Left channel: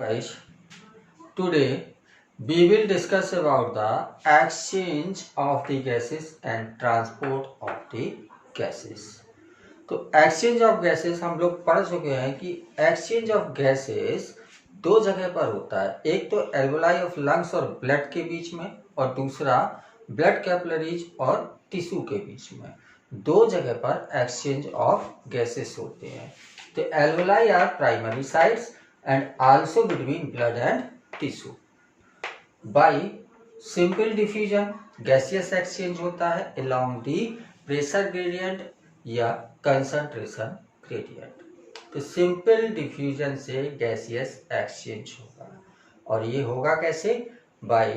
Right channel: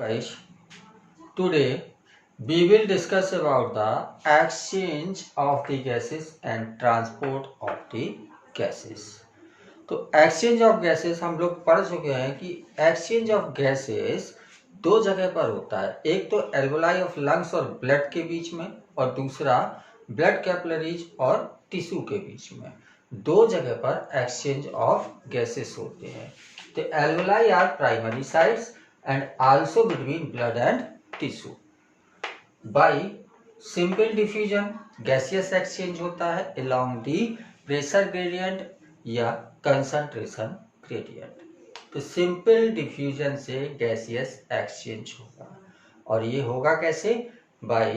Guys, today we will discuss about the exchange of the gases and transport of the gases. तो exchange of gases हम लोग पढ़ चुके हैं कि एक्सचेंज ऑफ गैसेस दो जगह पर होता है। एक तो एल्वोलाई ऑफ लंग्स और ब्लड के बीच में और दूसरा ब्लड कैपिलरीज और टिश्यू के बीच में। दो जगह पर एक्सचेंज ऑफ गैसेस होते हैं। तो alveoli are primary sites and also between blood and tissue. By simple diffusion gaseous exchange होता है along the pressure gradient या concentration gradient. तो simple diffusion से gaseous exchange होगा और ये होगा कैसे? by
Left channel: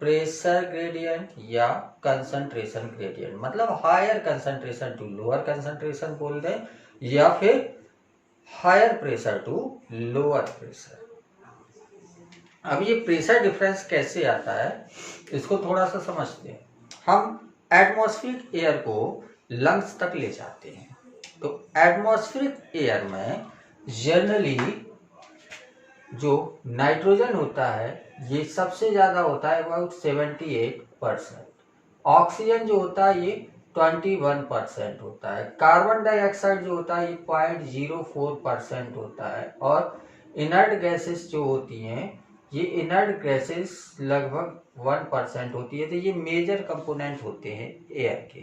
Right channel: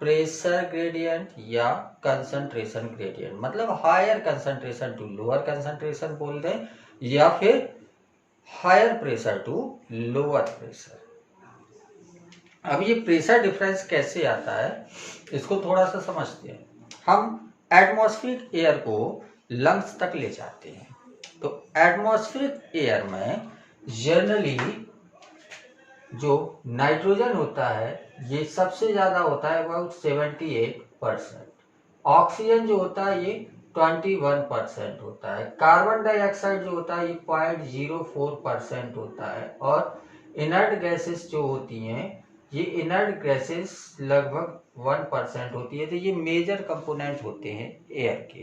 pressure gradient या concentration gradient, मतलब higher concentration to lower concentration बोल दें या फिर higher pressure to lower pressure. अब ये प्रेशर डिफरेंस कैसे आता है इसको थोड़ा सा समझते हैं। हम एटमॉस्फेरिक एयर को लंग्स तक ले जाते हैं। तो एटमॉस्फेरिक एयर में जनरली जो नाइट्रोजन होता है ये सबसे ज्यादा होता है अबाउट 78%। ऑक्सीजन जो होता है ये 21% होता है। कार्बन डाइऑक्साइड जो होता है ये 0.04% होता है और इनर्ट गैसेस जो होती हैं ये इनर्ट गैसेस लगभग 1% होती है। तो ये मेजर कंपोनेंट होते हैं एयर के।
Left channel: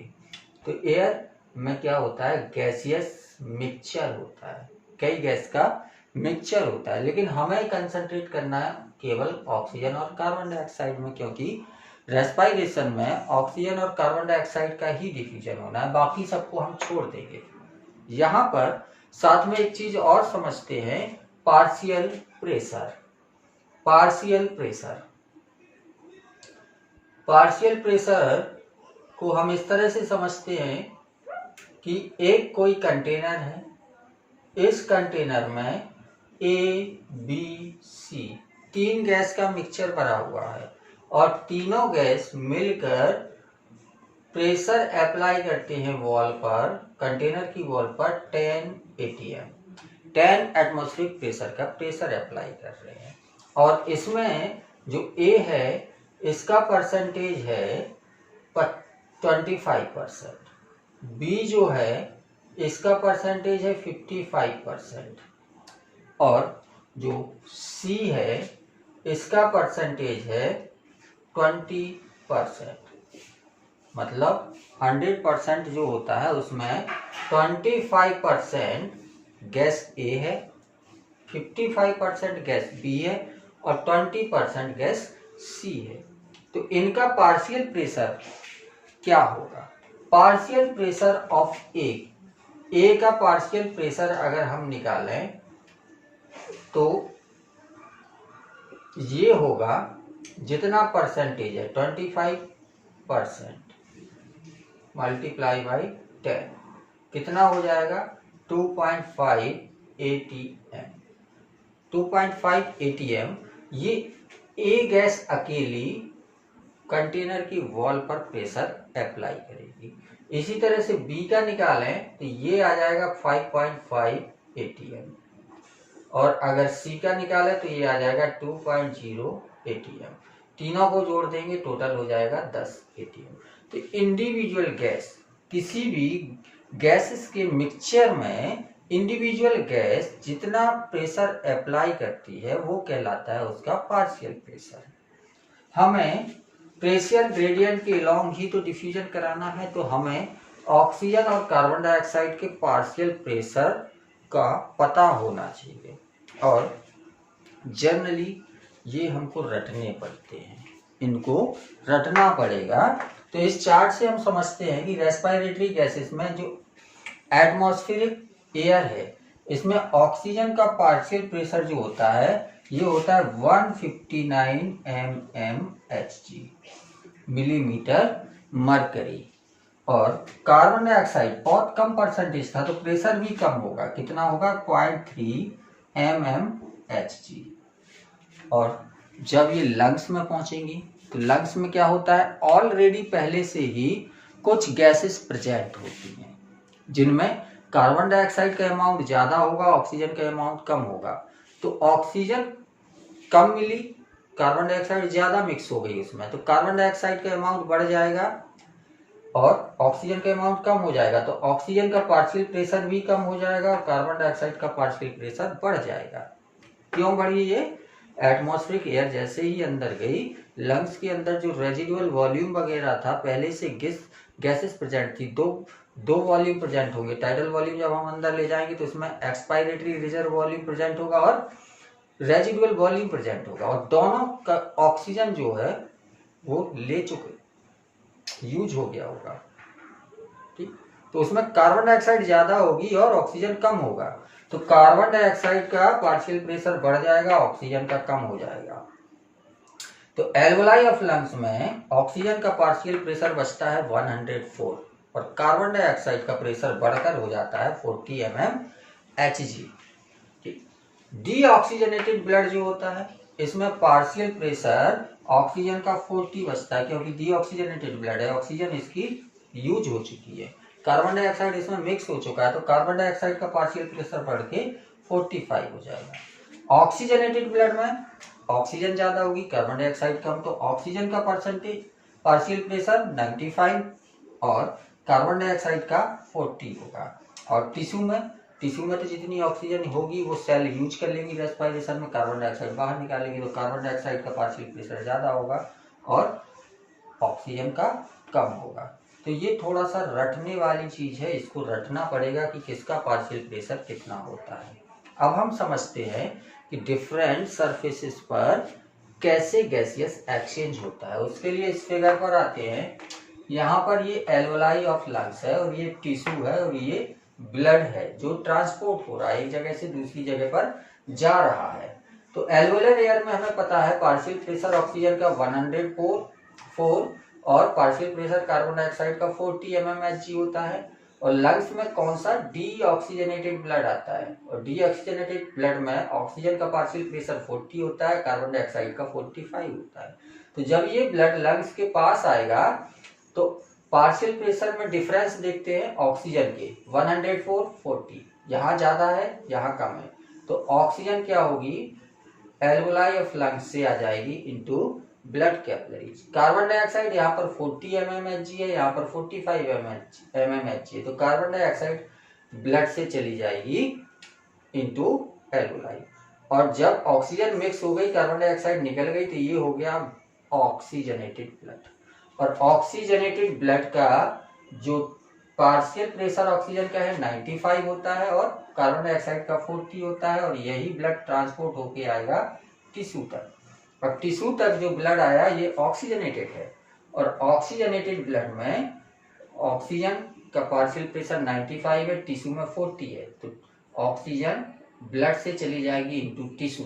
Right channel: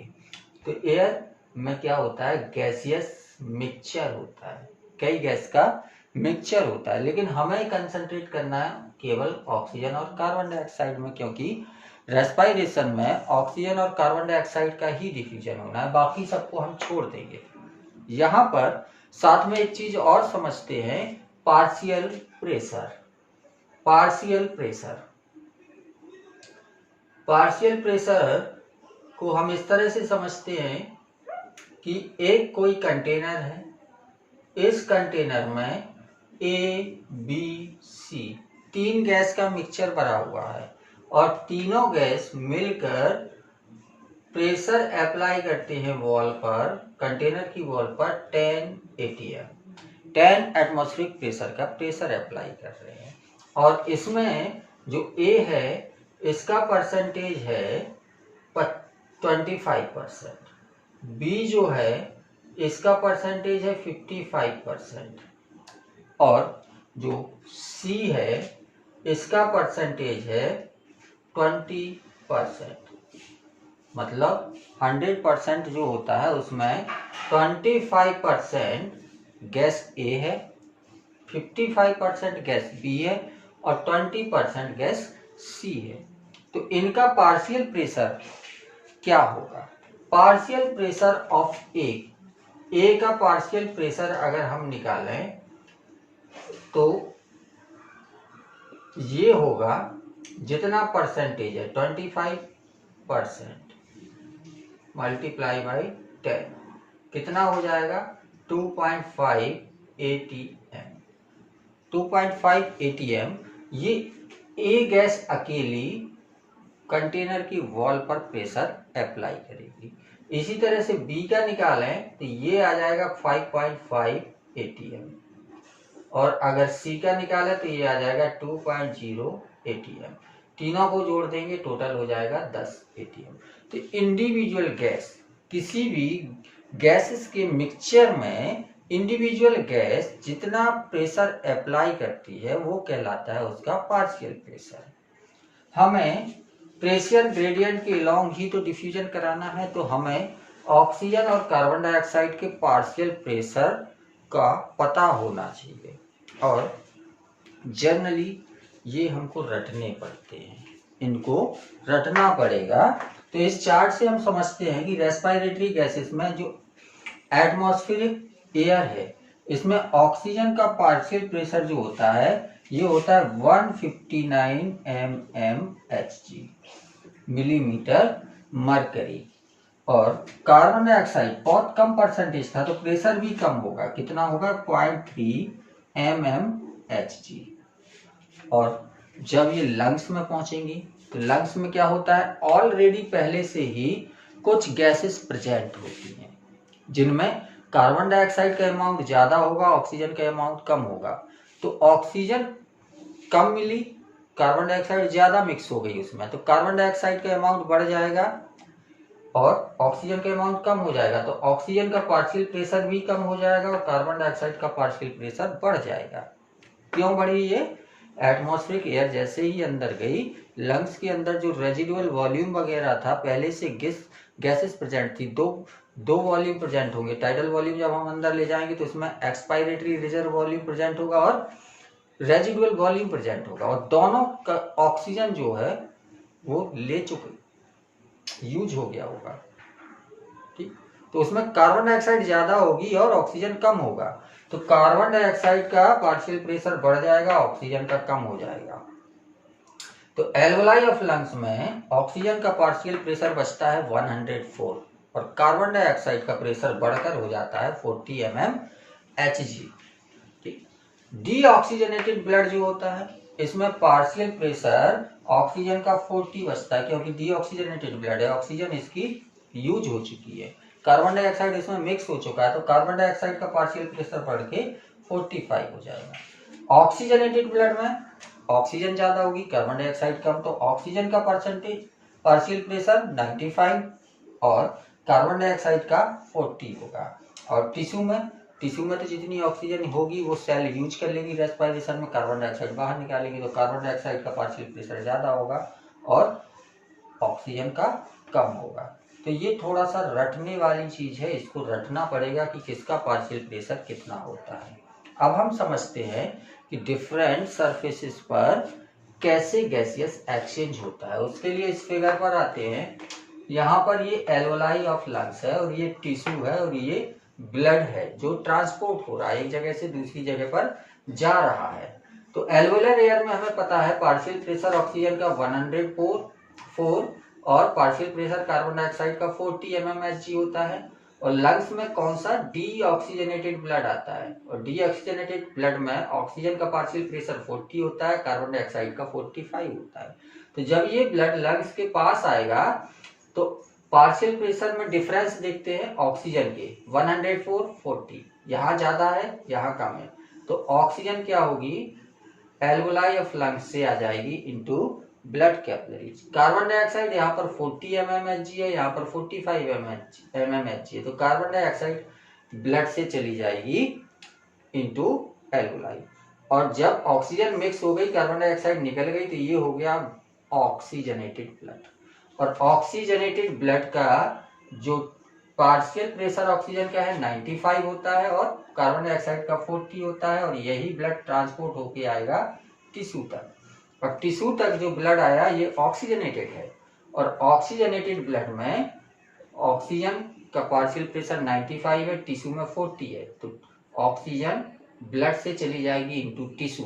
तो एयर में क्या होता है? गैसियस मिक्सचर होता है, कई गैस का मिक्सचर होता है, लेकिन हमें कंसंट्रेट करना है केवल ऑक्सीजन और कार्बन डाइऑक्साइड में, क्योंकि रेस्पायरेशन में ऑक्सीजन और कार्बन डाइऑक्साइड का ही डिफ्यूजन होना है, बाकी सबको हम छोड़ देंगे। यहाँ पर साथ में एक चीज और समझते हैं, partial pressure. Partial pressure partial pressure को हम इस तरह से समझते हैं कि एक कोई कंटेनर है, इस कंटेनर में ए बी सी तीन गैस का मिक्सचर भरा हुआ है और तीनों गैस मिलकर प्रेशर अप्लाई करते हैं वॉल पर, कंटेनर की वॉल पर 10 atm 10 एटमॉस्फेरिक प्रेशर का प्रेशर अप्लाई कर रहे हैं। और इसमें जो ए है इसका परसेंटेज है 25%, बी जो है इसका परसेंटेज है 55% और जो सी है इसका परसेंटेज है 20%। मतलब 100% जो होता है उसमें 25% गैस ए है, 55% गैस बी है और 20% गैस सी है। तो इनका पार्शियल प्रेशर क्या होगा? पार्शियल प्रेशर ऑफ ए का पार्शियल प्रेशर अगर हम निकालें तो ये होगा, जितना परसेंटेज है 25% मल्टीप्लाई बाई 10 कितना हो जाएगा? 2.5 atm। 2.5 atm ये ए गैस अकेली कंटेनर की वॉल पर प्रेशर अप्लाई करेगी। इसी तरह से बी का निकालें तो ये आ जाएगा 5.5 atm और अगर सी का निकाले तो ये आ जाएगा 2.0 atm। तीनों को जोड़ देंगे टोटल हो जाएगा 10 atm। तो इंडिविजुअल गैस, किसी भी गैसेस के मिक्सचर में इंडिविजुअल गैस जितना प्रेशर अप्लाई करती है वो कहलाता है उसका पार्शियल प्रेशर। हमें प्रेशर ग्रेडियंट के अलॉन्ग ही तो डिफ्यूजन कराना है, तो हमें ऑक्सीजन और कार्बन डाइऑक्साइड के पार्शियल प्रेशर का पता होना चाहिए और जनरली ये हमको रटने पड़ते हैं, इनको रटना पड़ेगा। तो इस चार्ट से हम समझते हैं कि रेस्पिरेटरी गैसेस में जो एटमॉस्फेरिक एयर है इसमें ऑक्सीजन का पार्शियल प्रेशर जो होता है ये होता है 159 mmHg मिलीमीटर मरकरी और कार्बन डाइऑक्साइड बहुत कम परसेंटेज था तो प्रेशर भी कम होगा, कितना होगा? 0.3 mmHg। और जब ये लंग्स में पहुंचेंगी तो लंग्स में क्या होता है? ऑलरेडी पहले से ही कुछ गैसेस प्रेजेंट होती हैं जिनमें कार्बन डाइऑक्साइड का अमाउंट ज्यादा होगा, ऑक्सीजन का अमाउंट कम होगा। तो ऑक्सीजन कम मिली, कार्बन डाइऑक्साइड ज्यादा मिक्स हो गई उसमें, तो कार्बन डाइऑक्साइड का अमाउंट बढ़ जाएगा और ऑक्सीजन का अमाउंट कम हो जाएगा, तो ऑक्सीजन का पार्शियल प्रेशर भी कम हो जाएगा और कार्बन डाइऑक्साइड का पार्शियल प्रेशर बढ़ जाएगा। क्यों बढ़ी ये? एटमॉस्फेरिक एयर जैसे ही अंदर गई, लंग्स के अंदर जो रेजिडुअल वॉल्यूम वगैरह था, पहले से गैसेस प्रेजेंट थी, दो वॉल्यूम प्रेजेंट होंगे। टाइडल वॉल्यूम जब हम अंदर ले जाएंगे तो उसमें एक्सपायरेटरी रिजर्व वॉल्यूम प्रेजेंट होगा और रेजिडुअल वॉल्यूम प्रेजेंट होगा, और दोनों का ऑक्सीजन जो है वो ले चुके, यूज हो गया होगा। ठीक, तो उसमें कार्बन डाइऑक्साइड ज्यादा होगी और ऑक्सीजन कम होगा, तो कार्बन डाइऑक्साइड का पार्शियल प्रेशर बढ़ जाएगा, ऑक्सीजन का कम हो जाएगा। तो एल्वोलाई ऑफ लंग्स में ऑक्सीजन का पार्शियल प्रेशर बचता है 104 और कार्बन डाइऑक्साइड का प्रेशर बढ़कर हो जाता है 40 mmHg। डीऑक्सीजनेटेड ब्लड जो होता है, इसमें पार्शियल प्रेशर ऑक्सीजन का 40 बचता है, क्योंकि डीऑक्सीजनेटेड ब्लड है, ऑक्सीजन इसकी यूज हो चुकी है, कार्बन डाइऑक्साइड इसमें मिक्स हो चुका है, तो कार्बन डाइऑक्साइड का पार्शियल प्रेशर बढ़ के 45 हो जाएगा। ऑक्सीजनेटेड ब्लड में ऑक्सीजन ज्यादा होगी, कार्बन डाइऑक्साइड कम, तो ऑक्सीजन का परसेंटेज पार्शियल प्रेशर 95 और कार्बन डाइऑक्साइड का 40 होगा। और टिश्यू में तो जितनी ऑक्सीजन होगी वो सेल यूज कर लेगी रेस्पिरेशन में, कार्बन डाइऑक्साइड बाहर निकालेगी, तो कार्बन डाइऑक्साइड का पार्शियल प्रेशर ज्यादा होगा और ऑक्सीजन का कम होगा। तो ये थोड़ा सा रटने वाली चीज है, इसको रटना पड़ेगा कि किसका पार्शियल प्रेशर कितना होता है। अब हम समझते हैं कि डिफरेंट सरफेसेस पर कैसे गैसियस एक्सचेंज होता है। उसके लिए इस फिगर पर आते हैं। यहाँ पर ये एल्वोलाई ऑफ लंग्स है और ये टिश्यू है और ये ब्लड है जो ट्रांसपोर्ट हो रहा है, एक जगह से दूसरी जगह पर जा रहा है। तो एल्वोलर एयर में हमें पता है पार्शियल प्रेशर ऑक्सीजन का 104 और पार्शियल प्रेशर कार्बन डाइऑक्साइड का 40 mmHg होता है। और लंग्स में कौन सा? डीऑक्सीजनेटेड ब्लड आता है, और डीऑक्सीजनेटेड ब्लड में ऑक्सीजन का पार्शियल प्रेशर 40 होता है, कार्बन डाइऑक्साइड का 45 होता है। तो जब ये ब्लड लंग्स के पास आएगा तो पार्शियल प्रेशर में डिफरेंस देखते हैं ऑक्सीजन के, 104-40, यहाँ ज्यादा है यहाँ कम है, तो ऑक्सीजन क्या होगी? एल्वोलाई ऑफ लंग्स से आ जाएगी into blood capillaries. Carbon dioxide यहाँ पर 40 mmHg है, यहाँ पर 45 mmHg है, तो कार्बन डाइऑक्साइड ब्लड से चली जाएगी इनटू एल्वोलाई। और जब ऑक्सीजन मिक्स हो गई, कार्बन डाइऑक्साइड निकल गई, तो ये हो गया ऑक्सीजनेटेड ब्लड। और ऑक्सीजनेटेड ब्लड का जो पार्शियल प्रेशर ऑक्सीजन का है 95 होता है और कार्बन डाइऑक्साइड का 40 होता है, और यही ब्लड ट्रांसपोर्ट होके आएगा टिश्यू तक। और टिश्यू तक जो ब्लड आया ये ऑक्सीजनेटेड है, और ऑक्सीजनेटेड ब्लड में ऑक्सीजन का पार्शियल प्रेशर 95 है, टिश्यू में 40 है, तो ऑक्सीजन ब्लड से चली जाएगी इनटू टिश्यू।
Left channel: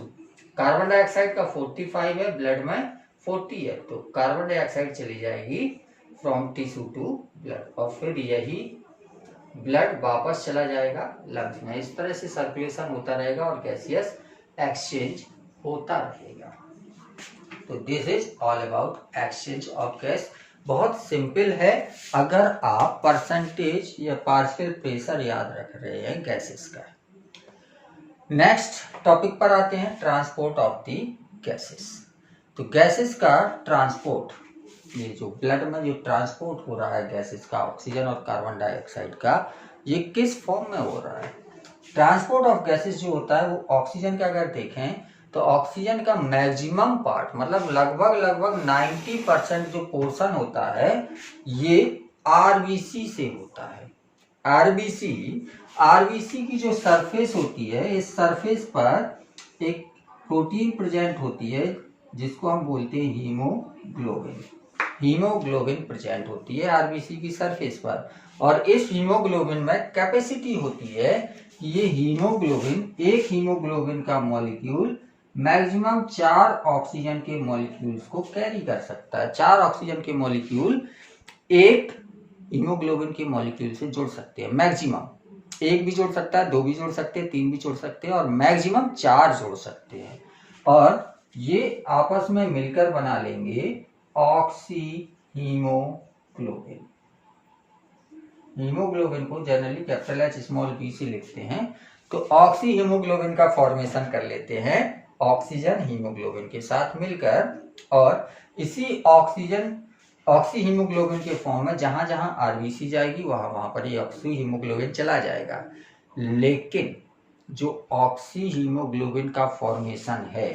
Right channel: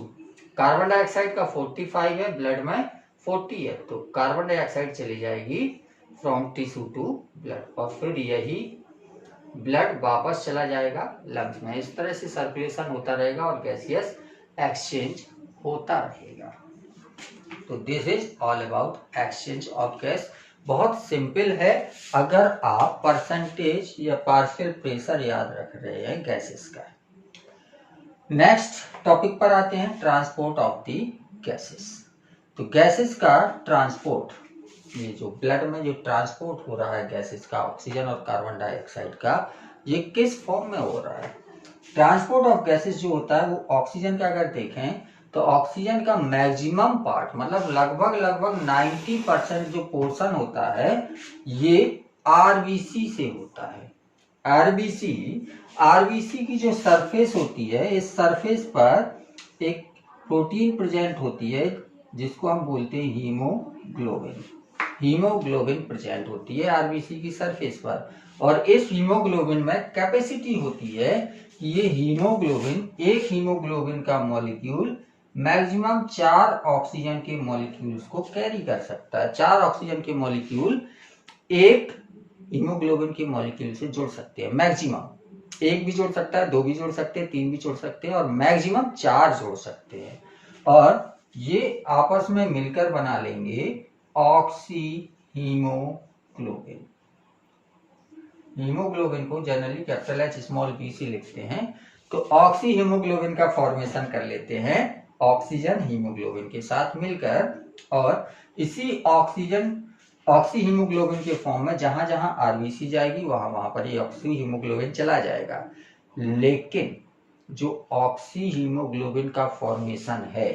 कार्बन डाइऑक्साइड का 45 है, ब्लड में 40 है, तो कार्बन डाइऑक्साइड चली जाएगी फ्रॉम टिश्यू टू ब्लड, और फिर यही ब्लड वापस चला जाएगा लंग्स में। इस तरह से सर्कुलेशन होता रहेगा और गैसियस एक्सचेंज होता रहेगा। तो this is all about exchange of gas. बहुत सिंपल है अगर आप परसेंटेज या पार्शियल प्रेशर याद रख रहे हैं गैसेस का। नेक्स्ट टॉपिक पर आते हैं, ट्रांसपोर्ट ऑफ दी गैसेस। तो गैसेस का ट्रांसपोर्ट, ये जो ब्लड में जो ट्रांसपोर्ट हो रहा है गैसेस का, ऑक्सीजन और कार्बन डाइऑक्साइड का, ये किस फॉर्म में हो रहा है? ट्रांसपोर्ट ऑफ गैसेस जो होता है वो ऑक्सीजन का अगर देखें तो ऑक्सीजन का मैक्सिमम पार्ट, मतलब लगभग 90% जो पोर्शन होता है ये आरबीसी से होता है। आरबीसी की जो सरफेस होती है, इस सरफेस पर एक प्रोटीन प्रेजेंट होती है जिसको हम बोलते हैं हीमोग्लोबिन प्रेजेंट होती है आरबीसी की सरफेस पर। और इस हीमोग्लोबिन में कैपेसिटी होती है कि ये एक हीमोग्लोबिन का मॉलिक्यूल मैक्सिमम 4 ऑक्सीजन के मॉलिक्यूल्स को कैरी कर सकता है। 4 ऑक्सीजन के मॉलिक्यूल एक हीमोग्लोबिन के मॉलिक्यूल से जुड़ सकते हैं। मैक्सिमम 1 भी जुड़ सकता है, 2 भी जुड़ सकते हैं, 3 भी जुड़ सकते हैं, और मैक्सिमम 4 जुड़ सकते हैं। और ये आपस में मिलकर बना लेंगे ऑक्सी हीमोग्लोबिन। हीमोग्लोबिन को generally capital H small b से लिखते हैं। तो ऑक्सी हीमोग्लोबिन का फॉर्मेशन कर लेते हैं ऑक्सीजन हीमोग्लोबिन के साथ मिलकर, और इसी ऑक्सी हीमोग्लोबिन के फॉर्म में जहां जहां आरबीसी जाएगी वहां पर ये ऑक्सी हीमोग्लोबिन चला जाएगा। लेकिन जो ऑक्सी हीमोग्लोबिन का फॉर्मेशन है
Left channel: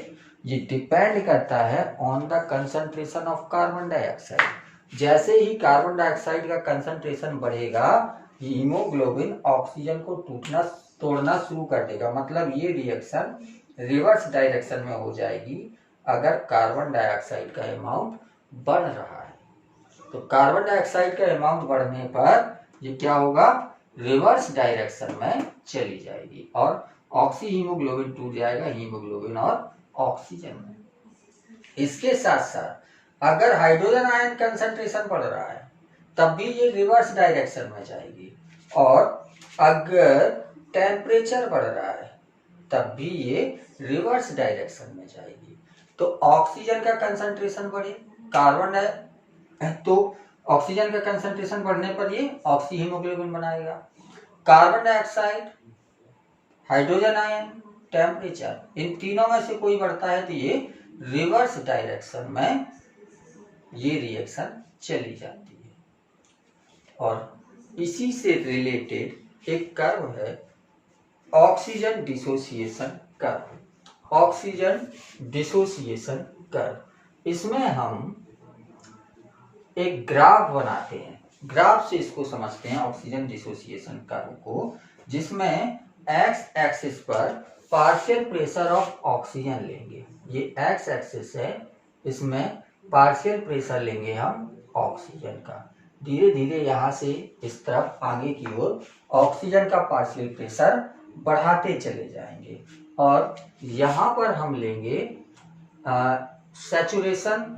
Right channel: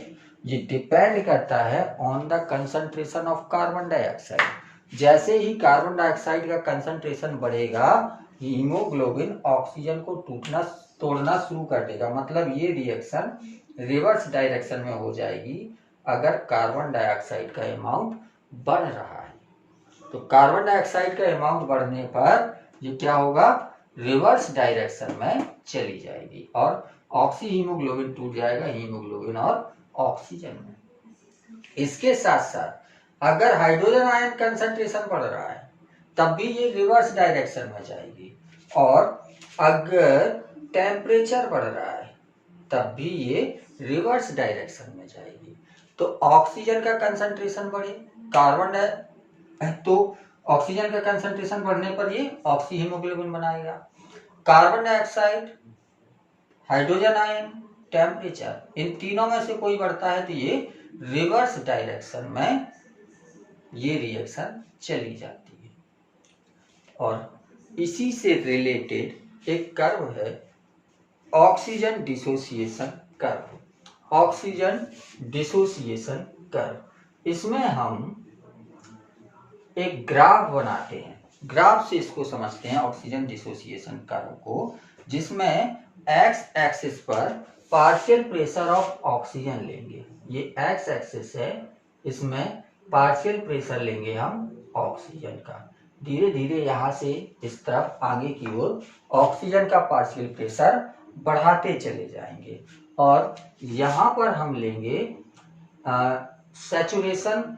ये डिपेंड करता है on the concentration of carbon dioxide. जैसे ही कार्बन डाइऑक्साइड का कंसंट्रेशन बढ़ेगा हीमोग्लोबिन ऑक्सीजन को तोड़ना शुरू कर देगा। मतलब ये रिएक्शन रिवर्स डायरेक्शन में हो जाएगी अगर कार्बन डाइऑक्साइड का अमाउंट बढ़ रहा है। तो कार्बन डाइऑक्साइड का अमाउंट बढ़ने पर ये क्या होगा, रिवर्स डायरेक्शन में चली जाएगी और ऑक्सी हीमोग्लोबिन टूट जाएगा हीमोग्लोबिन और ऑक्सीजन में। इसके साथ साथ अगर हाइड्रोजन आयन कंसंट्रेशन बढ़ रहा है तब भी ये रिवर्स डायरेक्शन में जाएगी, और अगर टेम्परेचर बढ़ रहा है तब भी ये रिवर्स डायरेक्शन में जाएगी। तो ऑक्सीजन का कंसंट्रेशन बढ़े, तो ऑक्सीजन का कंसंट्रेशन बढ़ने पर ये ऑक्सी हीमोग्लोबिन बनाएगा। Carbon dioxide, hydrogen ion, temperature, इन तीनों में से कोई बढ़ता है तो ये रिवर्स डायरेक्शन में ये रिएक्शन चली जाती है। और इसी से रिलेटेड एक कर्व है oxygen dissociation curve. Oxygen dissociation curve, इसमें हम एक ग्राफ बनाते हैं, ग्राफ से इसको समझते हैं ऑक्सीजन डिसोसिएशन कर्व को, जिसमें एक्स एक्सिस पर पार्शियल प्रेशर ऑफ ऑक्सीजन लेंगे। ये एक्स एक्सिस है, इसमें पार्शियल प्रेशर लेंगे हम ऑक्सीजन का। धीरे धीरे यहाँ से इस तरफ आगे की ओर ऑक्सीजन का पार्शियल प्रेशर बढ़ाते चले जाएंगे, और यहाँ पर हम लेंगे सैचुरेशन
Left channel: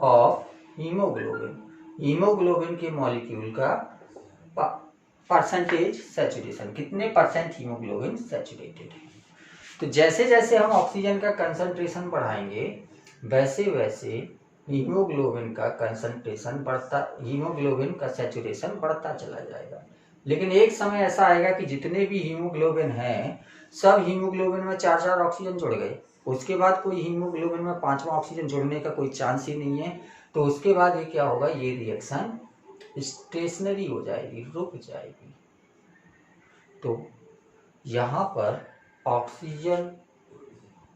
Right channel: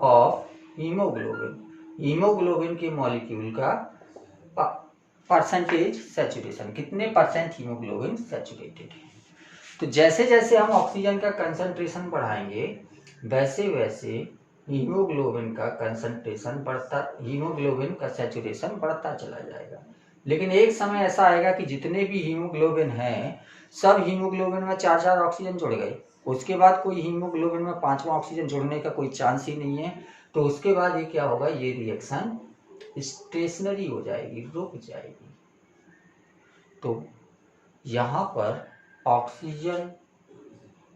ऑफ हीमोग्लोबिन। हीमोग्लोबिन के मॉलिक्यूल का परसेंटेज सैचुरेशन, कितने परसेंट हीमोग्लोबिन सैचुरेटेड है। तो जैसे जैसे हम ऑक्सीजन का कंसंट्रेशन बढ़ाएंगे वैसे वैसे हीमोग्लोबिन का कंसंट्रेशन बढ़ता, हीमोग्लोबिन का सैचुरेशन बढ़ता चला जाएगा। लेकिन एक समय ऐसा आएगा कि जितने भी हीमोग्लोबिन हैं सब हीमोग्लोबिन में 4-4 ऑक्सीजन जुड़ गए, उसके बाद कोई हीमोग्लोबिन में 5वां ऑक्सीजन जुड़ने का कोई चांस ही नहीं है। तो उसके बाद ये क्या होगा, ये रिएक्शन स्टेशनरी हो जाएगी, रुक जाएगी। तो यहाँ पर ऑक्सीजन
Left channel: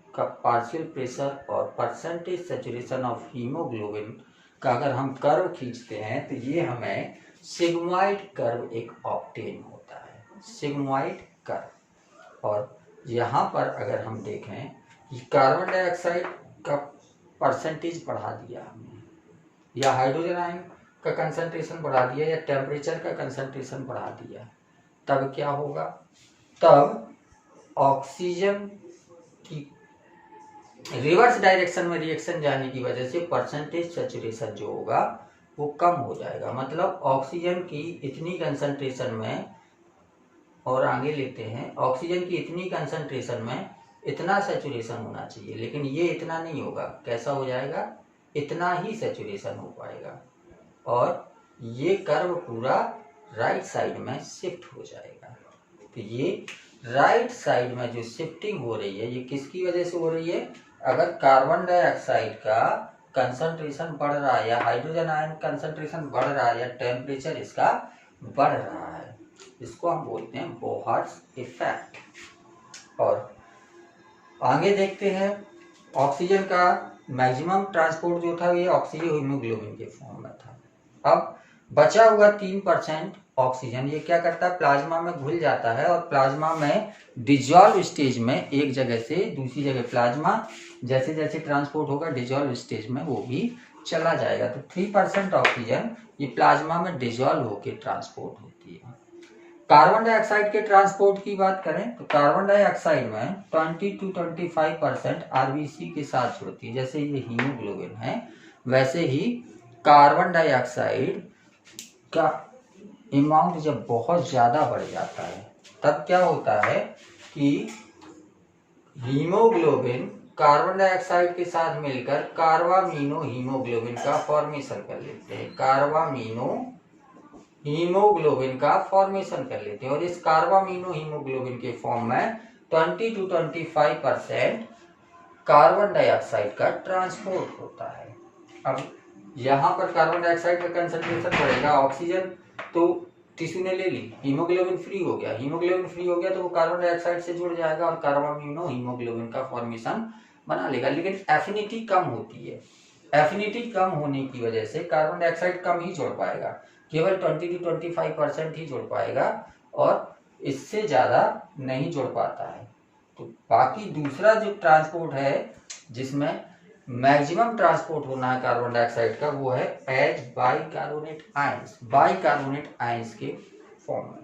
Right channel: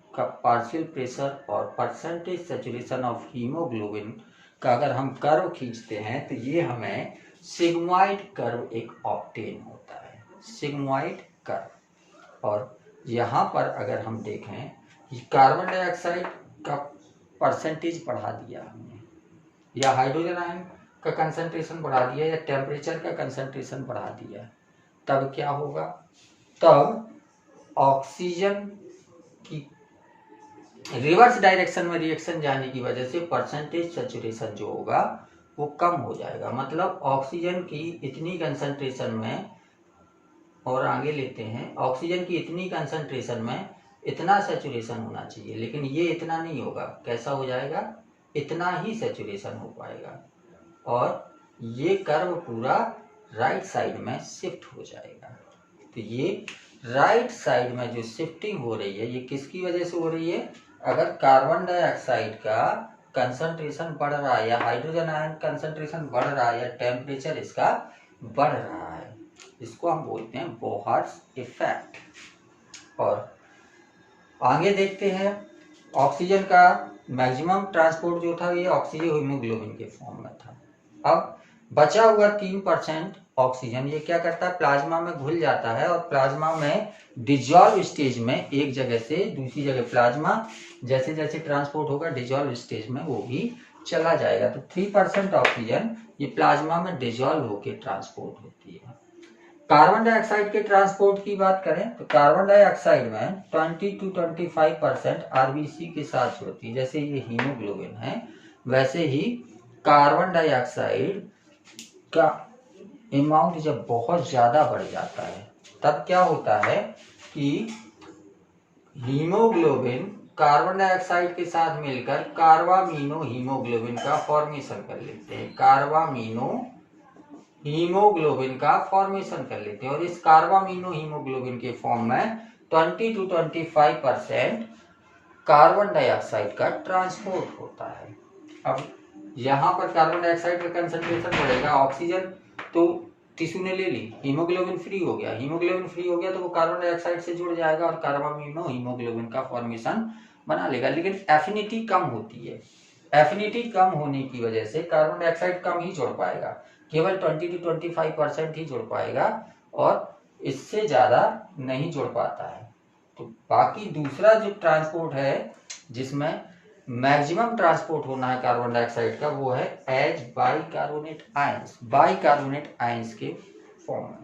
का पार्शियल प्रेशर और परसेंटेज सैचुरेशन ऑफ हीमोग्लोबिन का अगर हम कर्व खींचते हैं तो ये हमें सिग्मॉइड कर्व एक ऑब्टेन होता है, सिग्मॉइड कर्व। और यहाँ पर अगर हम देखें कि कार्बन डाइऑक्साइड का परसेंटेज बढ़ा दिया हमने, या हाइड्रोजन आयन का कंसंट्रेशन बढ़ा दिया, या टेम्परेचर का कंसंट्रेशन बढ़ा दिया, तब क्या होगा, तब ऑक्सीजन की रिवर्स डायरेक्शन में रिएक्शन जाने की वजह से परसेंटेज सैचुरेशन जो होगा वो कम हो जाएगा। मतलब ऑक्सीजन की इतनी कंसंट्रेशन में, और आगे लेते हैं, ऑक्सीजन की इतनी कंसंट्रेशन में इतना सैचुरेशन होना चाहिए, लेकिन ये इतना नहीं होगा। कैसा हो जाएगा, इतना ही सैचुरेशन हो पाएगा, और ये कर्व पूरा राइट साइड में शिफ्ट हो जाएगा। तो ये राइट साइड में जो शिफ्टिंग हो रही है ये किसकी वजह से हो रही है, अगर कार्बन डाइऑक्साइड का कंसंट्रेशन बढ़ रहा है, या हाइड्रोजन आयन कंसंट्रेशन बढ़ रहा है, या टेम्परेचर इसका बढ़ रहा है, इसको हम बोलते हैं बोहर्स इफेक्ट। और आगे देखते हैं, ऑक्सीजन का मैक्सिमम ट्रांसपोर्ट जो था ये ऑक्सीजन हीमोग्लोबिन के फॉर्म में था। अब बचा हुआ 3% ऑक्सीजन ये क्या करता है, प्लाज्मा में घुल जाता है, और प्लाज्मा में डिजॉल्व स्टेज में एक जगह से दूसरी जगह प्लाज्मा जैसे जैसे ट्रांसपोर्ट होगा डिजॉल्व स्टेज में वो भी चला जाएगा। तो 3% ऑक्सीजन ये प्लाज्मा में डिजॉल्व होकर ट्रांसपोर्ट होती है। कार्बन डाइऑक्साइड के ट्रांसपोर्ट की बात करें तो कार्बन डाइऑक्साइड में 20 to 25% आरबीसी के साथ जुड़ती है। जैसे ये हीमोग्लोबिन है वैसे ही कार्बन डाइऑक्साइड का अमाउंट जब बहुत ज़्यादा बढ़ जाता है तब क्या होता है कि हीमोग्लोबिन कार्बन डाइऑक्साइड के साथ मिलकर कार्बामीनो हीमोग्लोबिन का फॉर्मेशन कर लेते हैं, कार्बामीनो हीमोग्लोबिन का फॉर्मेशन कर लेते हैं, और इस कार्बामीनो हीमोग्लोबिन के फॉर्म में 20 to 25% कार्बन डाइऑक्साइड का ट्रांसपोर्ट होता है। अब यहाँ पर कार्बन डाइऑक्साइड का कंसंट्रेशन बढ़ेगा, ऑक्सीजन तो टिश्यू ने ले ली, हीमोग्लोबिन फ्री हो गया, हीमोग्लोबिन फ्री हो गया तो वो कार्बन डाइऑक्साइड से जुड़ जाएगा और कार्बामिनो हीमोग्लोबिन का फॉर्मेशन बना लेगा। लेकिन एफिनिटी कम होती है, एफिनिटी कम होने की वजह से कार्बन डाइऑक्साइड कम ही जोड़ पाएगा, केवल 20 to 25% ही जोड़ पाएगा और इससे ज़्यादा नहीं जोड़ पाता है। तो बाकी दूसरा जो ट्रांसपोर्ट है जिसमें मैक्सिमम ट्रांसपोर्ट होना है कार्बन डाइऑक्साइड का, वो है as bicarbonate ions, bicarbonate ions के फॉर्म में।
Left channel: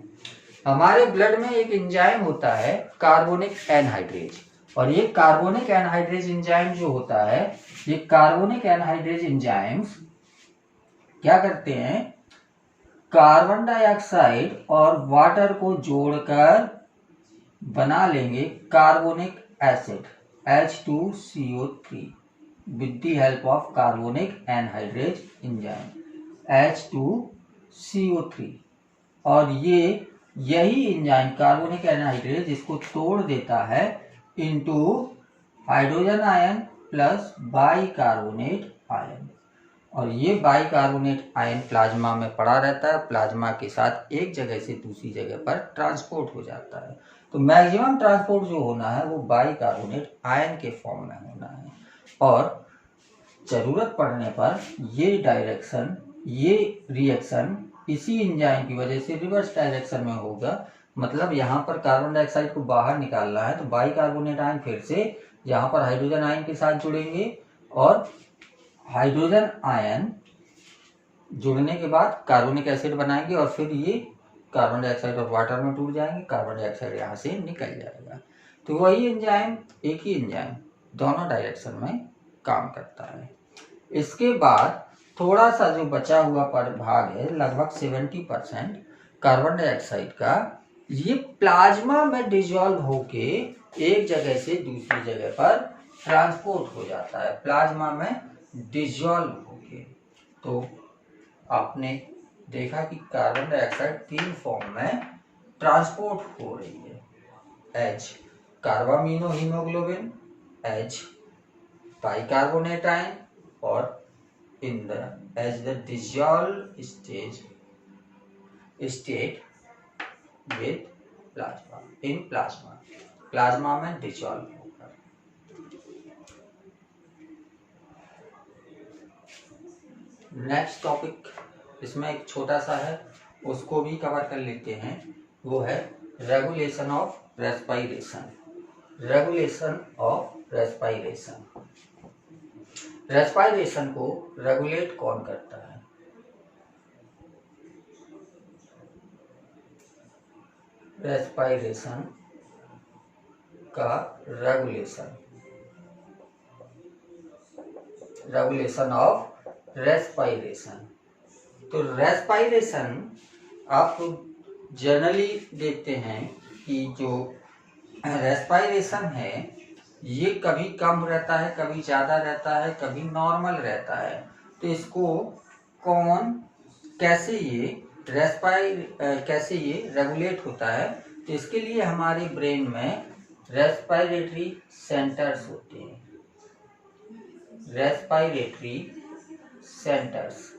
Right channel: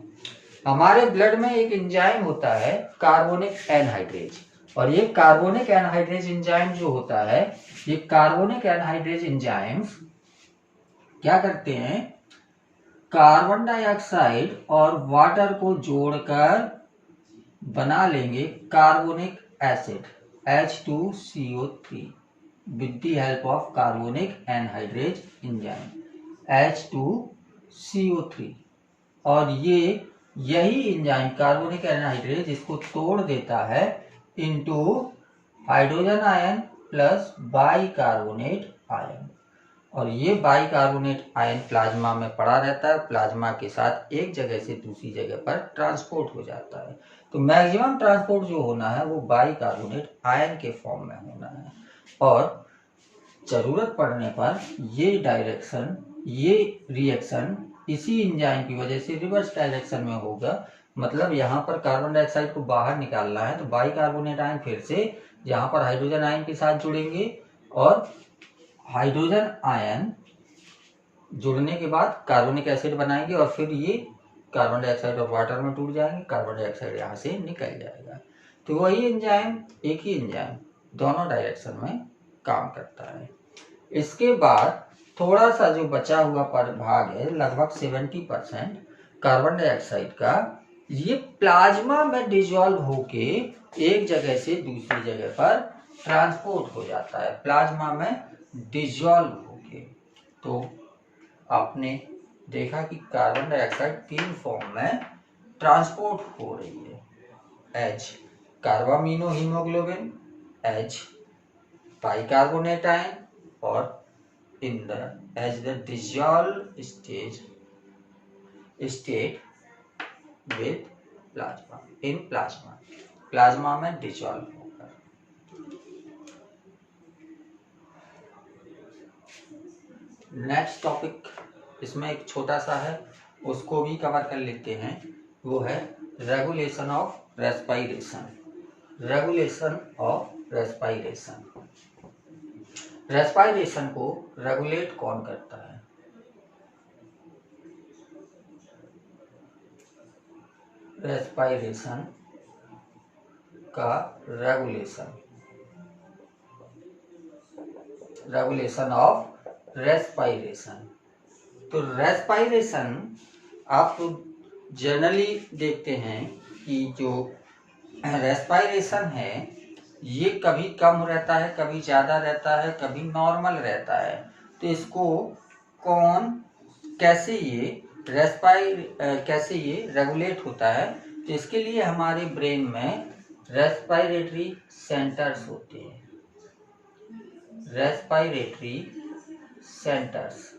हमारे ब्लड में एक एंजाइम होता है कार्बोनिक एनहाइड्रेज, और ये कार्बोनिक एनहाइड्रेज एंजाइम जो होता है, ये कार्बोनिक एनहाइड्रेज एंजाइम्स क्या करते हैं, कार्बन डाइऑक्साइड और वाटर को जोड़कर बना लेंगे carbonic acid H2CO3 with the help of carbonic anhydrase enzyme H2CO3। और ये यही एंजाइम कार्बोनिक एनहाइड्रेज इसको तोड़ देता है into hydrogen ion plus bicarbonate ion, और ये बाइकार्बोनेट आयन प्लाज्मा में पड़ा रहता है, प्लाज्मा के साथ एक जगह से दूसरी जगह पर ट्रांसपोर्ट हो जाता है। तो मैक्सिमम ट्रांसपोर्ट जो होना है वो बाइकार्बोनेट आयन के फॉर्म में होना है, और जरूरत पड़ने पर ये डायरेक्शन, ये रिएक्शन इसी एंजाइम की वजह से रिवर्स डायरेक्शन में होगा। मतलब यहाँ पर कार्बन डाइऑक्साइड को बाहर निकालना है तो बाइकार्बोनेट आयन फिर से यहाँ पर हाइड्रोजन आयन के साथ जुड़ेंगे, और हाइड्रोजन आयन जुड़ने के बाद कार्बोनिक एसिड बनाएंगे और फिर ये कार्बन डाइऑक्साइड और वाटर में टूट जाएंगे, कार्बन डाइऑक्साइड यहाँ से निकल जाएगा। तो वही एंजाइम, एक ही एंजाइम दोनों डायरेक्शन में काम करता है। इसके बाद थोड़ा सा जो बचा हुआ भाग है, लगभग 70% कार्बन डाइऑक्साइड का, ये प्लाज्मा में डिसॉल्व होके एक जगह से दूसरी जगह पर ट्रांसपोर्ट हो जाता है, प्लाज्मा में डिसॉल्व होके। तो आपने देखा कि कार्बन डाइऑक्साइड 3 फॉर्म में ट्रांसपोर्ट हो रही है, H carbamino haemoglobin, H bicarbonate ion, और in the as the dissolved state with plasma, in plasma में dissolve होगा। नेक्स्ट टॉपिक इसमें एक छोटा सा है, उसको भी कवर कर लेते हैं, वो है regulation of respiration. Regulation of respiration, respiration को रेगुलेट कौन करता है? रेस्पिरेशन का रेगुलेशन ऑफ रेस्पिरेशन। तो रेस्पिरेशन आप जनरली देखते हैं कि जो रेस्पिरेशन है ये कभी कम रहता है, कभी ज़्यादा रहता है, कभी नॉर्मल रहता है। तो इसको कौन, कैसे ये रेगुलेट होता है? तो इसके लिए हमारे ब्रेन में रेस्पिरेटरी सेंटर्स होते हैं, रेस्पिरेटरी सेंटर्स।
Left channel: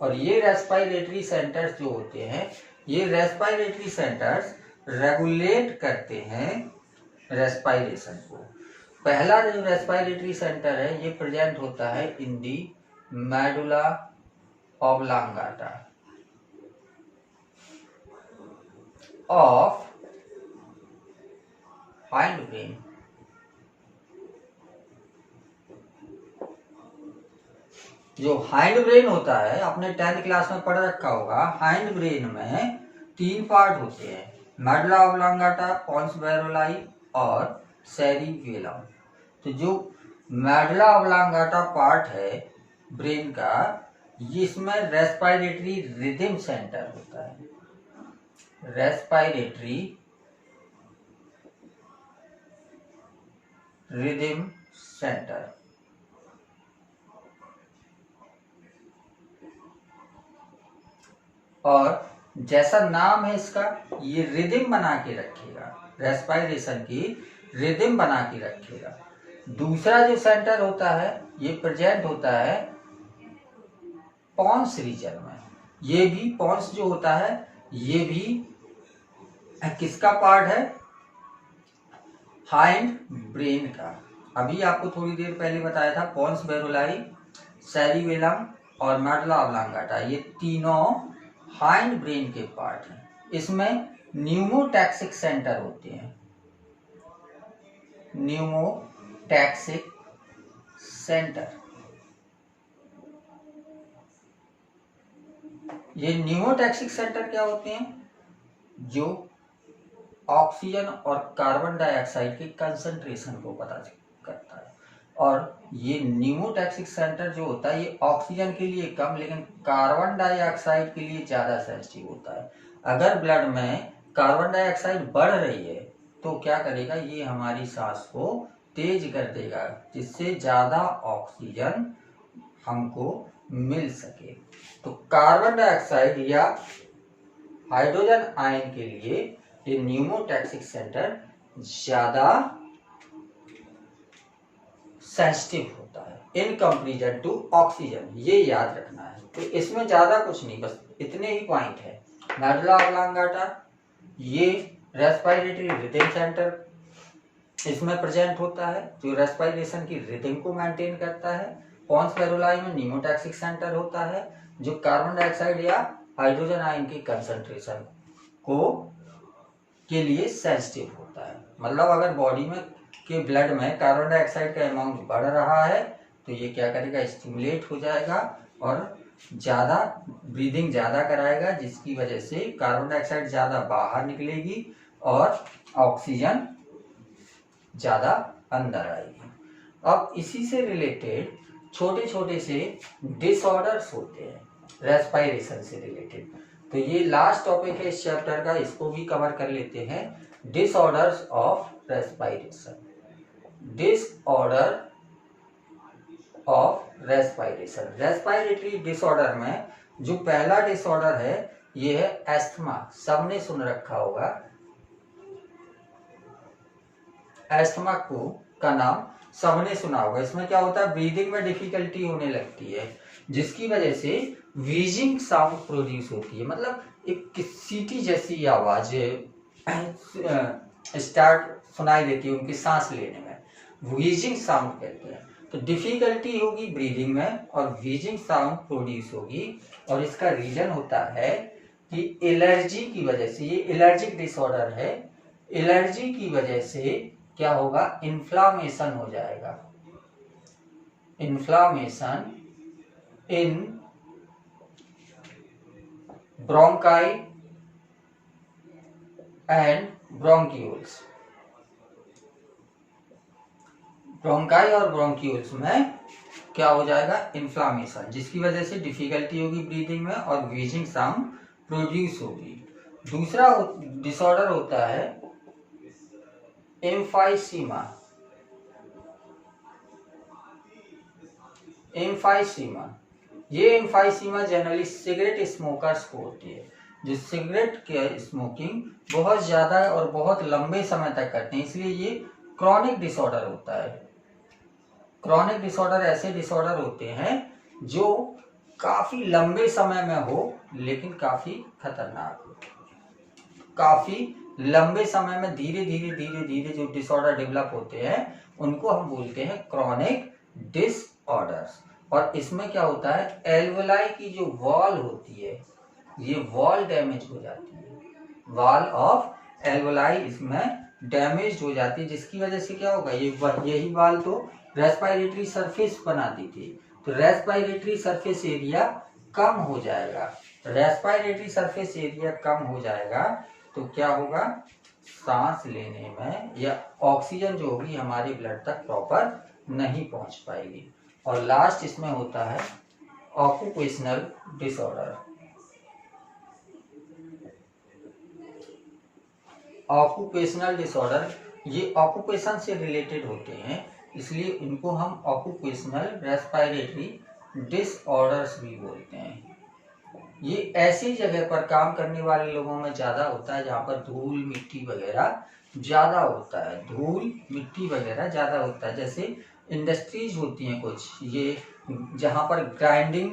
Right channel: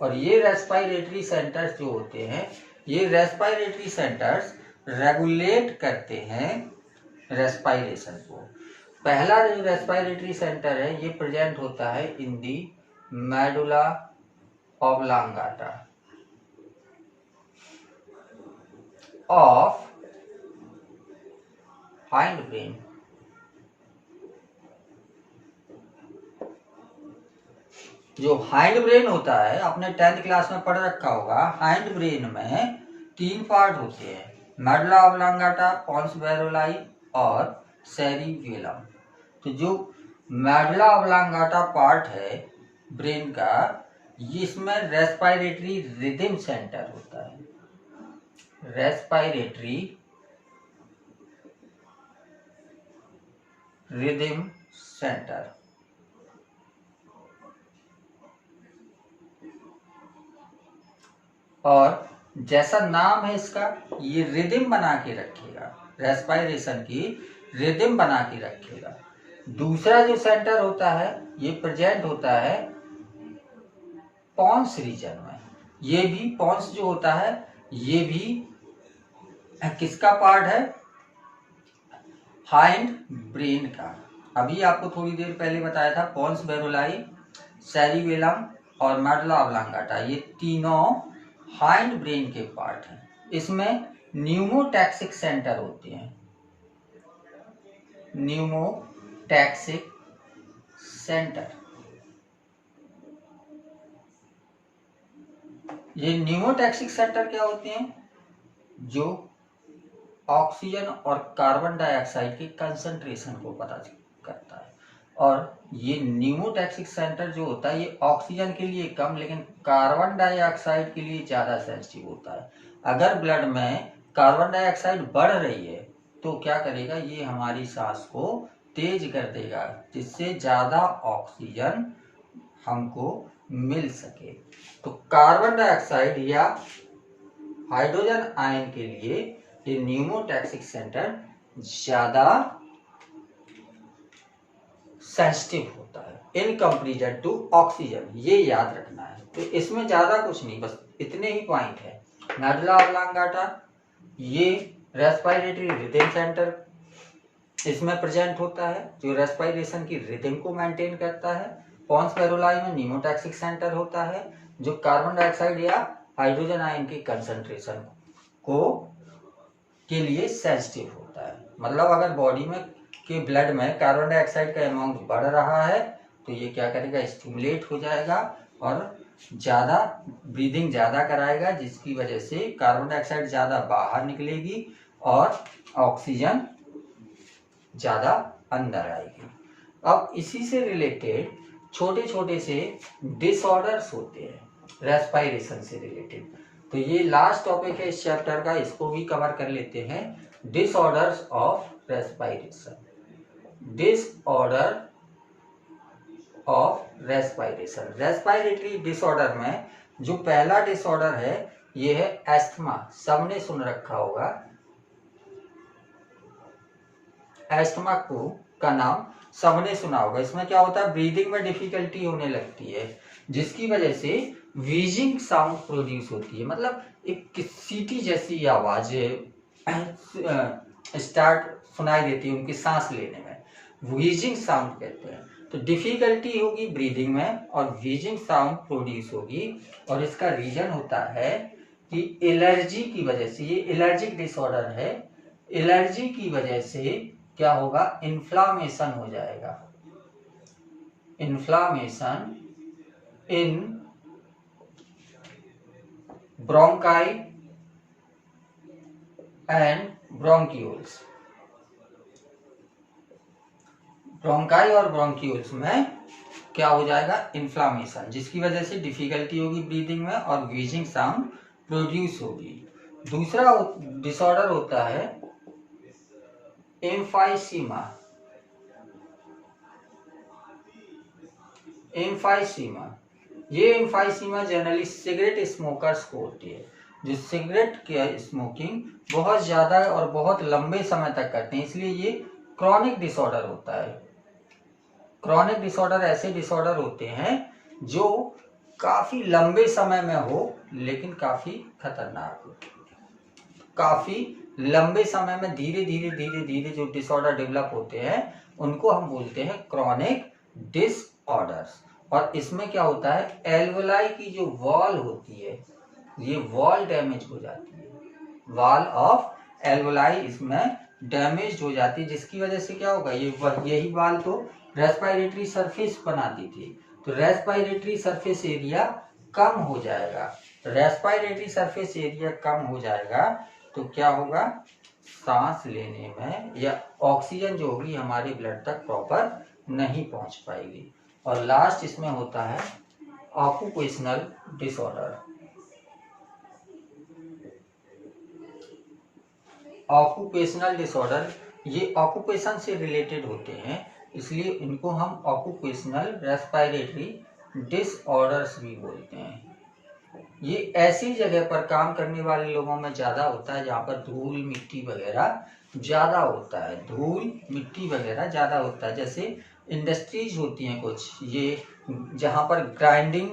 और ये रेस्पिरेटरी सेंटर्स जो होते हैं, ये रेस्पिरेटरी सेंटर्स रेगुलेट करते हैं रेस्पिरेशन को। पहला जो रेस्पिरेटरी सेंटर है ये प्रेजेंट होता है इन दी medulla oblongata of hind brain. जो हाइंड ब्रेन होता है, आपने 10th क्लास में पढ़ रखा होगा, हाइंड ब्रेन में 3 पार्ट होते हैं, मेडुला ऑब्लांगाटा, पोन्स बैरोलाई और सेरिबेलम। तो जो मेडुला ऑब्लांगाटा पार्ट है ब्रेन का, इसमें रेस्पिरेटरी रिदम सेंटर होता है, रेस्पिरेटरी रिदम सेंटर। और जैसा नाम है इसका, ये रिदम बना के रखेगा, रेस्पिरेशन की रिदम बना के रखेगा। दूसरा जो सेंटर होता है ये प्रेजेंट होता है पॉन्स रीजन में। ये भी पॉन्स जो होता है ये भी किसका पार्ट है, हाइंड ब्रेन का। अभी आपको थोड़ी देर पहले बताया था पॉन्स बेरोलाई, सेरिबेलम और मेडुला ऑब्लांगाटा, ये तीनों हाइंड ब्रेन के पार्ट हैं। इसमें न्यूमोटैक्सिक सेंटर होते हैं, न्यूमोटैक्सिक सेंटर। ये न्यूमोटैक्सिक सेंटर क्या होते हैं, जो ऑक्सीजन और कार्बन डाइऑक्साइड के कंसंट्रेशन को पता करता है। और ये न्यूमोटैक्सिक सेंटर जो होता है ये ऑक्सीजन के लिए कम लेकिन कार्बन डाइऑक्साइड के लिए ज़्यादा सेंसिटिव होता है। अगर ब्लड में कार्बन डाइऑक्साइड बढ़ रही है तो क्या करेगा, ये हमारी सांस को तेज कर देगा जिससे ज़्यादा ऑक्सीजन हमको मिल सके। तो कार्बन डाइऑक्साइड या हाइड्रोजन आयन के लिए ये न्यूमोटैक्सिक सेंटर ज्यादा सेंसिटिव होता है इन कंपैरिजन टू ऑक्सीजन, ये याद रखना है। तो इसमें ज्यादा कुछ नहीं, बस इतने ही पॉइंट है। मेडुला ऑब्लांगाटा ये रेस्पिरेटरी रिदम सेंटर इसमें प्रेजेंट होता है जो रेस्पिरेशन की रिदम को मेंटेन करता है। पॉन्स बेरोलाई में न्यूमोटैक्सिक सेंटर होता है जो कार्बन डाइऑक्साइड या हाइड्रोजन आयन की कंसंट्रेशन को के लिए सेंसिटिव होता है। मतलब अगर बॉडी में के ब्लड में कार्बन डाइऑक्साइड का अमाउंट बढ़ रहा है तो ये क्या करेगा, स्टिमुलेट हो जाएगा और ज़्यादा ब्रीदिंग ज़्यादा कराएगा, जिसकी वजह से कार्बन डाइऑक्साइड ज़्यादा बाहर निकलेगी और ऑक्सीजन ज़्यादा अंदर आएगी। अब इसी से रिलेटेड छोटे छोटे से डिसऑर्डर्स होते हैं रेस्पिरेशन से रिलेटेड। तो ये लास्ट टॉपिक है इस चैप्टर का, इसको भी कवर कर लेते हैं। Disorders of respiration, disorder of respiration. Respiratory disorder में जो पहला डिसऑर्डर है ये है एस्थमा। सबने सुन रखा होगा, एस्थमा को का नाम सबने सुना होगा। इसमें क्या होता है, ब्रीदिंग में डिफिकल्टी होने लगती है जिसकी वजह से व्हीजिंग साउंड प्रोड्यूस होती है। मतलब एक सीटी जैसी आवाज स्टार्ट सुनाई देती है उनकी सांस लेने में, व्हीजिंग साउंड कहते हैं। तो डिफिकल्टी होगी ब्रीदिंग में और व्हीजिंग साउंड प्रोड्यूस होगी। और इसका रीजन होता है कि एलर्जी की वजह से, ये एलर्जिक डिसऑर्डर है, एलर्जी की वजह से क्या होगा, इन्फ्लामेशन हो जाएगा, inflammation in bronchi and bronchioles. Bronchi और ब्रोंक्यूल्स में क्या हो जाएगा, इन्फ्लामेशन, जिसकी वजह से डिफिकल्टी होगी ब्रीदिंग में और व्हीजिंग साउंड प्रोड्यूस होगी। दूसरा डिसऑर्डर होता है एम्फाइसीमा। एम्फाइसीमा, ये एम्फाइसीमा जनरली सिगरेट स्मोकर्स को होती है, जो सिगरेट के स्मोकिंग बहुत ज़्यादा और बहुत लंबे समय तक करते हैं, इसलिए ये क्रॉनिक डिसऑर्डर होता है। क्रॉनिक डिसऑर्डर ऐसे डिसऑर्डर होते हैं जो काफ़ी लंबे समय में हो लेकिन काफ़ी खतरनाक हो। काफ़ी लंबे समय में धीरे धीरे धीरे धीरे जो डिसऑर्डर डेवलप होते हैं उनको हम बोलते हैं क्रॉनिक डिसऑर्डर्स। और इसमें क्या होता है, एल्वोलाई की जो वॉल होती है ये वॉल डैमेज हो जाती है, वॉल ऑफ एल्वोलाई इसमें डैमेज हो जाती है, जिसकी वजह से क्या होगा, यही वॉल तो रेस्पिरेटरी सरफेस बनाती थी, तो रेस्पिरेटरी सरफेस एरिया कम हो जाएगा। रेस्पिरेटरी सरफेस एरिया कम हो जाएगा तो क्या होगा, सांस लेने में या ऑक्सीजन जो होगी हमारे ब्लड तक प्रॉपर नहीं पहुंच पाएगी। और लास्ट इसमें होता है ऑक्यूपेशनल डिसऑर्डर। ऑक्यूपेशनल डिसऑर्डर ये ऑक्यूपेशन से रिलेटेड होते हैं, इसलिए इनको हम ऑक्यूपेशनल रेस्पिरेटरी डिसऑर्डर्स भी बोलते हैं। ये ऐसी जगह पर काम करने वाले लोगों में ज़्यादा होता है जहाँ पर धूल मिट्टी वगैरह ज़्यादा होता है, धूल मिट्टी वगैरह ज़्यादा होता है। जैसे इंडस्ट्रीज होती हैं कुछ, ये जहाँ पर ग्राइंडिंग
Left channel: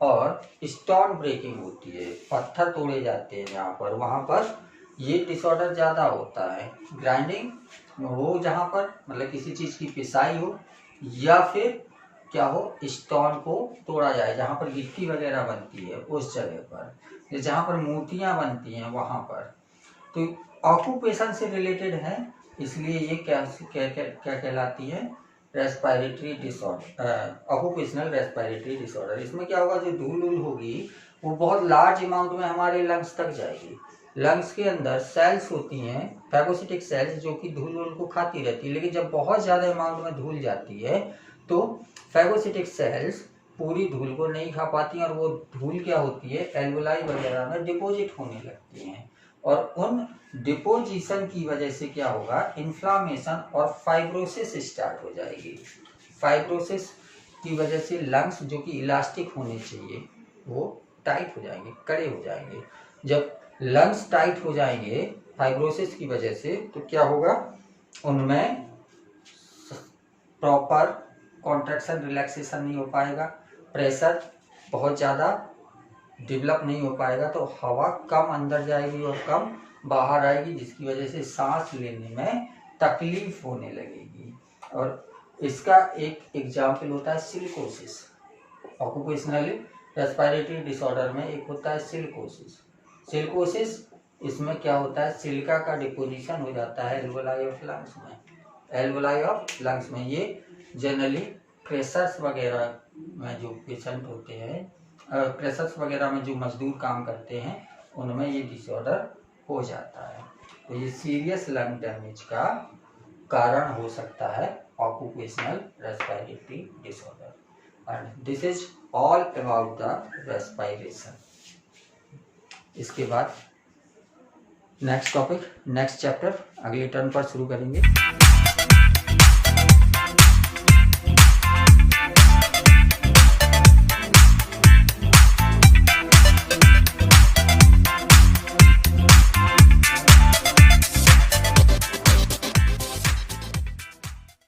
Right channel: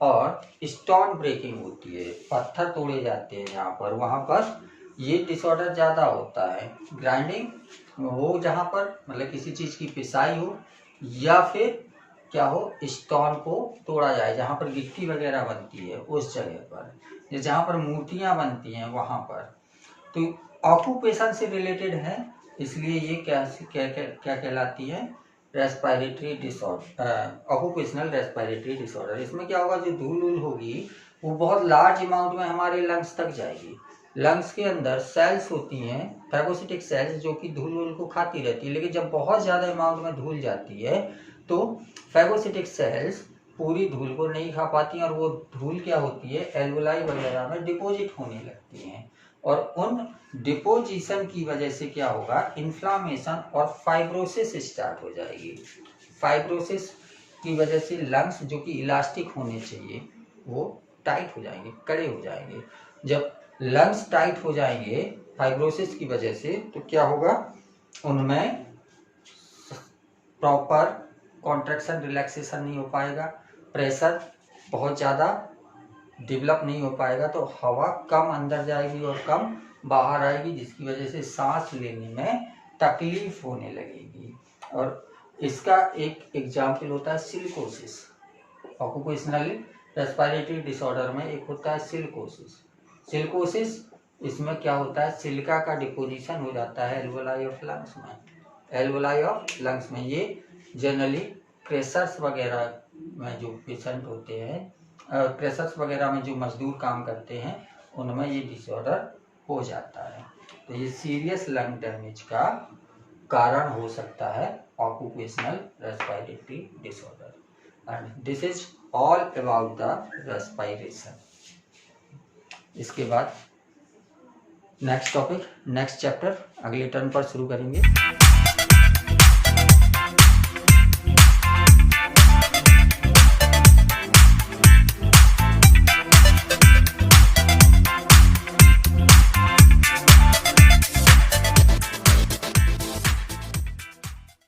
और स्टोन ब्रेकिंग होती है, पत्थर तोड़े जाते हैं जहाँ पर, वहाँ पर ये डिसऑर्डर ज़्यादा होता है। ग्राइंडिंग हो जहाँ पर, मतलब किसी चीज़ की पिसाई हो, या फिर क्या हो, स्टोन को तोड़ा जाए जहाँ पर गिट्टी वगैरह बनती है उस जगह पर, जहाँ पर मूर्तियाँ बनती हैं वहाँ पर। तो ऑक्यूपेशन से रिलेटेड है, इसलिए ये क्या क्या क्या, क्या कहलाती है, respiratory disorder, occupational respiratory disorder. इसमें क्या होगा, जो धूल वूल होगी वो बहुत लार्ज अमाउंट में हमारे लंग्स तक जाएगी। लंग्स के अंदर सेल्स होती हैं, फैगोसिटिक सेल्स, जो कि धूल वूल को खाती रहती है, लेकिन जब बहुत ज़्यादा अमाउंट में धूल जाती है तो फैगोसिटिक सेल्स पूरी धूल को नहीं खा पाती और वो धूल क्या होती है, एल्वोलाई वगैरह में डिपॉजिट होने लगती हैं, और उन डिपोजिशन की वजह से क्या होगा, इन्फ्लामेशन और फाइब्रोसिस स्टार्ट हो जाएगी। फाइब्रोसिस की वजह से लंग्स जो कि इलास्टिक होने चाहिए वो टाइट हो जाएंगे, कड़े हो जाएंगे। जब लंग्स टाइट हो जाएंगे फाइब्रोसिस की वजह से, तो क्या होगा, उनमें प्रॉपर कॉन्ट्रैक्शन रिलैक्सेशन नहीं हो पाएगा, प्रेशर बहुत ज़्यादा डेवलप नहीं हो पाएगा, तो हवा कम अंदर जाएगी और कम बाहर आएगी, जिसकी वजह से सांस लेने में तकलीफ होने लगेगी। और इसका एक एग्जाम्पल होता है सिलिकोसिस। ऑक्यूपेशनल रेस्पिरेटरी डिसऑर्डर में एक होता है सिलिकोसिस। सिलिकोसिस, इसमें क्या होता है, सिलिका का डिपोजिशन हो जाता है एल्वोलाई ऑफ लंग्स में। एल्वोलाई ऑफ लंग्स में ये जनरली प्रेशर्स वगैरह में जो पेशेंट होते हैं, प्रेशर्स वगैरह में जो मजदूर काम करते हैं, उनमें ये डिसऑर्डर हो जाता है। तो ये सीरियस लंग डैमेज का कारण हो सकता है occupational respiratory disorder. And this is all about the respiration. इसके बाद नेक्स्ट टॉपिक, नेक्स्ट चैप्टर अगले टर्न पर शुरू करेंगे।